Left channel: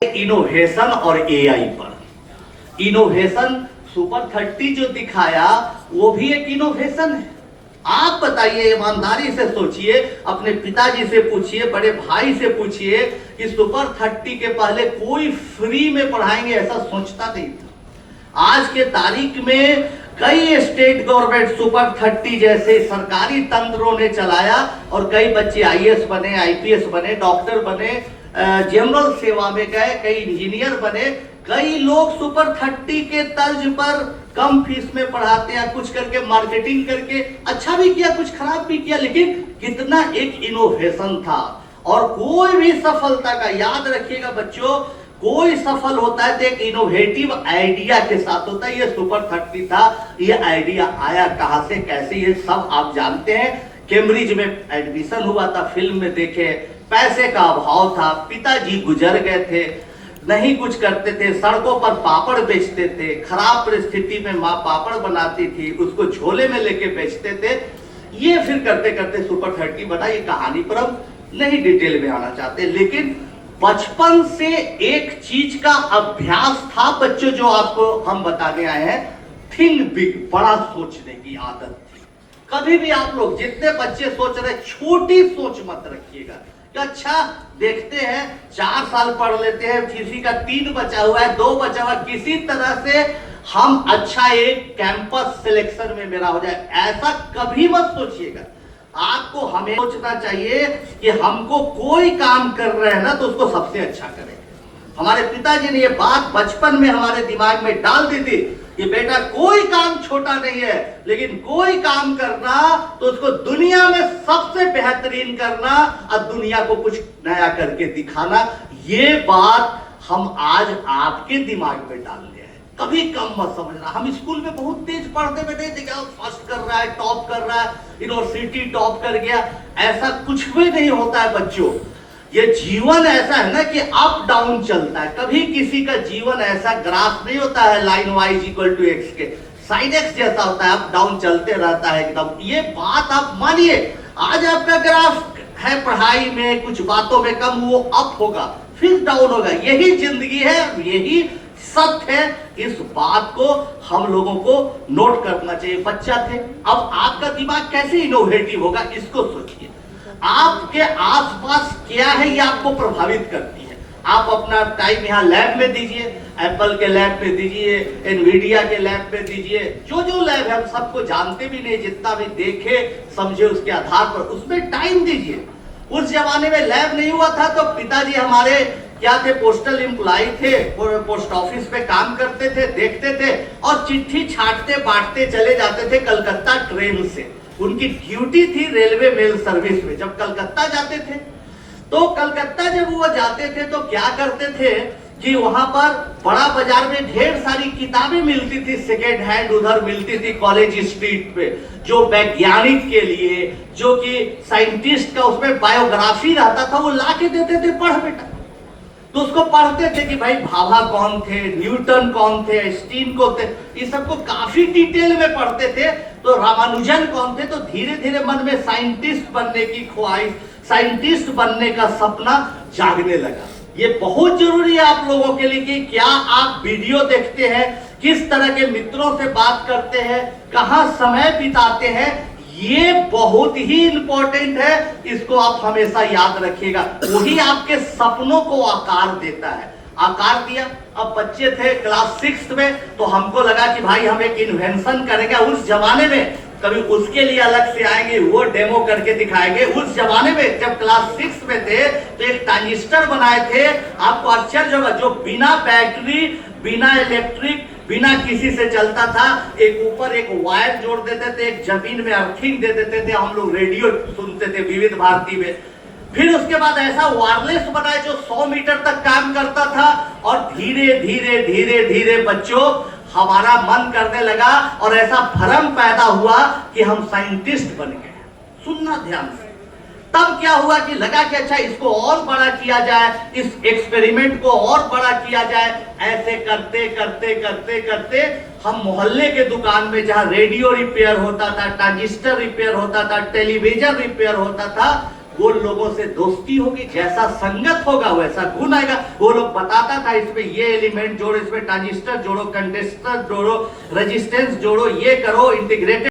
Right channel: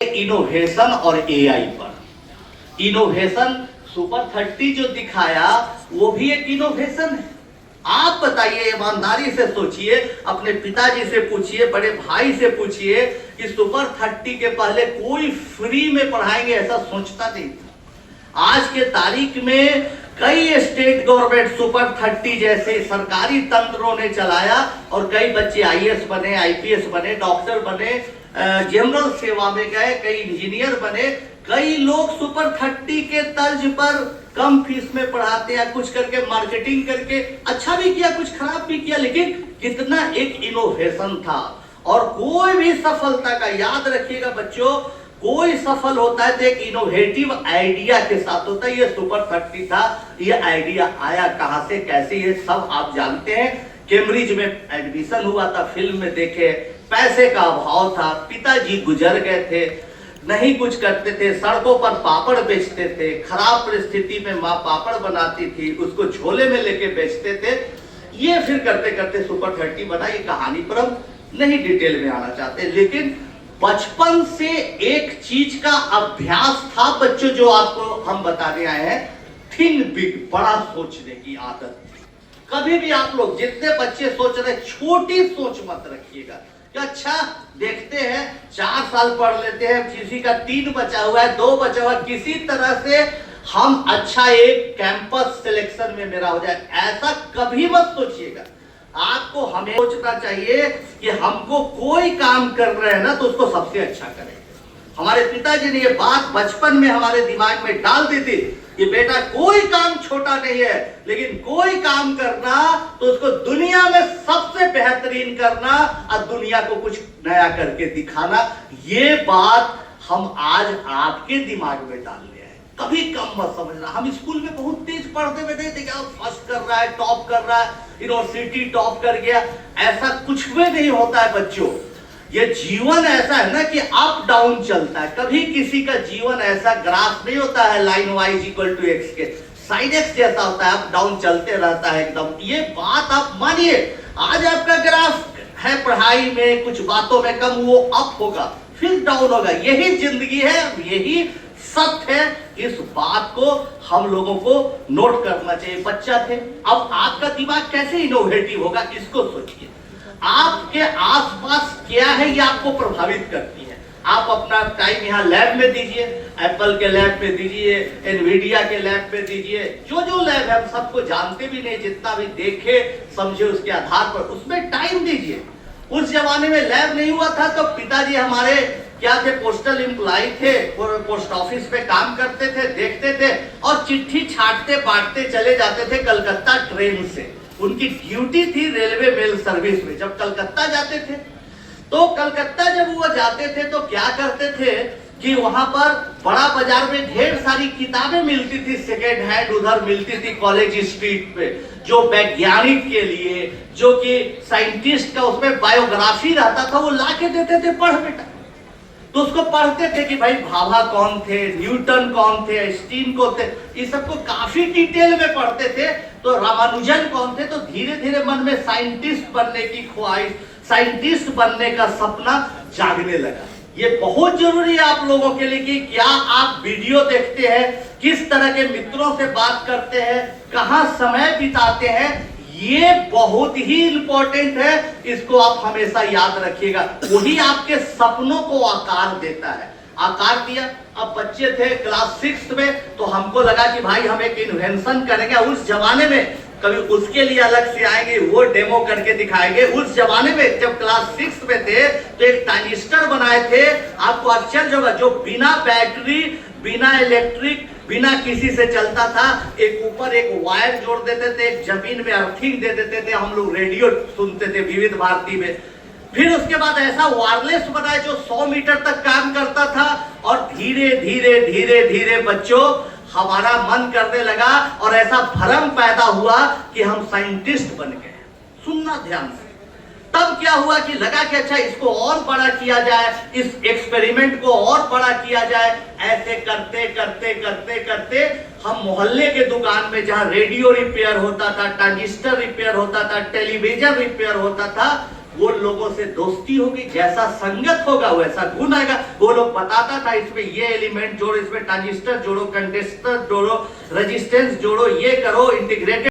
Innovation और AI पर। Innovation super 30 जो दिखाया वो भी एक इनोवेशन है। आप बताइए, ईमानदारी से सोचिए, अपने पिताजी से पूछिए, बड़े भाई से पूछिए कि सुपर 30 के पहले कोई फ्री में पढ़ाएंगे ऐसा सोचता नहीं था। आज के तारीख में कई स्टेट गवर्नमेंट सुपर 30 जैसे सरकारी तंत्रों ने चलाया और कई बच्चे आईएएस बने, आईपीएस बने, डॉक्टर बने, जनरल सेवा में गए, कई इंजीनियर बने। कई लोग सुपर 30 के तर्ज पर कम फीस में पढ़ाते हैं, कुछ करके मार्केटिंग करके अच्छा भी किया, कुछ खराब भी किया, लेकिन कितना एक इनोवेशन था। और कोई भी सफलता का याद रखिएगा बच्चों, कोई सफल होता है तो एक इनोवेटिव आइडिया के साथ होता है। ये सुपर 30 था, ये आइडिया आया कहां से, कैसे, ये सब आप जानते हैं। कैम्ब्रिज में एडमिशन हुआ था, फिल्म में देखे, पैसे का अभाव था, पिताजी गुजर गए थे, नहीं कुछ करते थे, सड़कों पर पापड़ बेचते थे, खराब परिस्थिति में माँ पापड़ बनाती थी, उसको झोले में लेके बेचते थे। ये फिर करते करते सुपर 30 बना। ये कहानी पर हम नहीं डिटेल में आना चाहते, लेकिन बचपन से एक चीज का अभ्यास था बच्चों, जो आपको हम बताने आए हैं, थिंक बिग, बड़ा सोचने की आदत थी। कभी भी आप लोग जितने बच्चे सोच रहे, छोटी सोच मत रखिएगा। अच्छा देखते हैं, 4 साल पढ़ लेते हैं, किसी का 3 बचा हुआ है, 2 बचा हुआ है, किसी तरह से हम अच्छा एक कैंपस सिलेक्शन में मेरा हो जाए, ऐसा कभी मत सोचिएगा। आपको हमें सोचना चाहिए कि हमको कोई काम कर रहे हैं ना तो उसको सबसे अच्छा करें। हमारे पिताजी ने ये बात बचपन में हमारे दिमाग में डाल दी थी कि बेटा कोई काम छोटा नहीं है, लेकिन कोई काम करना तो उसको दुनिया में सबसे बेहतरीन करना और दुनिया को कुछ नया करके दिखाना। ये बात हम आज आपके दिमाग में डाल लिया है, कभी कम मत समझना। हम स्कूल में बहुत तेज पढ़ते हुए नहीं देखा, फर्स्ट कर रहा है, टॉप कर रहा है, यूनिवर्सिटी टॉप कर गया, ऐसा कुछ भी नहीं होता है बच्चों। ये जीवन ऐसा है ना कि अप डाउन चलता है, कभी किसी का जीवन ऐसा ग्राफ नहीं होता है लाइन y = x के, साइन x जैसा होता है, अप डाउन चलते रहता है एकदम। ये बात आप मानिए, आज आपका ग्राफ है पढ़ाई में कुछ बातों में कम, वो अप होगा फिर डाउन होगा, यही जिंदगी है, यही सत्य है। इस बात को हम लोगों को नोट करना चाहिए। बच्चा थे, अब आपका दिमाग कैसे इनोवेटिव होगा इसको सोचिए। आपके आसपास क्या है ये आपको प्रभावित करती है। आप अपना टाइम यहाँ लैब में दीजिए, एप्पल के लैब में दीजिए, एनवीडिया के लैब में दीजिए, जो जो लैब है हम सबको जानते भी नहीं, जितना भी देखे समझे उसके आधार पर उसमें टाइम दीजिए। उस जमाने में लैब नहीं हुआ था तो पिताजी हमारे क्या थे, पोस्टल एम्प्लॉय थे, पोस्ट ऑफिस में काम करते थे, देखते थे और चिट्ठी छाटते बांटते चले जाते थे कलकत्ता ट्रेन से। उनकी ड्यूटी थी रेलवे मेल सर्विस में। जब कलकत्ता जाते थे तो कलकत्ता जब वो जाते थे तो क्या करते थे कि वहां पर बड़ा बाजार में ढेर सारी किताबें मिलती थी, सेकेंड हैंड उधर मिलती थी कॉलेज स्ट्रीट पे, जो वैज्ञानिक के लिए, जो कि साइंटिस्ट का उसमें बायोग्राफी रहता था, वो ला के देते थे, पढ़ बेटा। तो उसको पढ़ते थे कि भाई भाभा कौन थे, न्यूटन कौन थे, आइंस्टीन कौन थे, इस सबको काफी डिटेल में पढ़ते थे। तो रामानुजन कौन थे, तो धीरे धीरे मन में साइंटिस्ट बनने की ख्वाहिश, साइंटिस्ट बनने का सपना जागने लगा। ये बहुत जरूरी है आप लोगों के लिए कि क्या आप वीडियो देखते हैं, किस तरह के मित्रों से बात करते हैं, कहां समय बिताते हैं, ये बहुत ही इंपॉर्टेंट है। इसको आप हमेशा याद रखिएगा, वही आपके सपनों को आकार देता है। आकार दिया, अब बच्चे थे क्लास 6 में तो हमको लगा कि भाई हम एक इन्वेंशन करेंगे। उस जमाने में कभी उसके लिए अलग से आएंगे, वो डेमो करके दिखाएंगे। उस जमाने में जब क्लास 6 में थे तो एक ट्रांजिस्टर बनाए थे, आपको आश्चर्य होगा, जो बिना बैटरी, बिना इलेक्ट्रिक, बिना किसी से चलता था। एक ऊपर एक वायर जोड़ देते थे, एक जमीन में अर्थिंग दे देते थे, हम लोग रेडियो सुनते थे विविध भारती में। फिर उसके बाद ऐसा वायरलेस बनाया जो 100 मीटर तक काम करता था। और धीरे धीरे धीरे धीरे बच्चों हमारा मन करने लगा और ऐसा भ्रम पैदा हुआ कि हम साइंटिस्ट बन गए। सुनना ध्यान से। तब क्या हुआ कि लगा कि अच्छा इसको और बड़ा किया जाए, इस एक्सपेरिमेंट को और बड़ा किया जाए। ऐसे करते करते करते करते हम मोहल्ले के दुकान में जहां रेडियो रिपेयर होता था, ट्रांजिस्टर रिपेयर होता था, टेलीविजन रिपेयर होता था, वो लोगों से दोस्ती होगी, जैसा संगत होगा वैसा गुण आएगा। वो लोग बताता था इसमें ये एलिमेंट जोड़ो, इसमें ट्रांजिस्टर जोड़ो, कंटेस्टर जोड़ो, रेजिस्टेंस जोड़ो, ये करो, इंटीग्रेटेड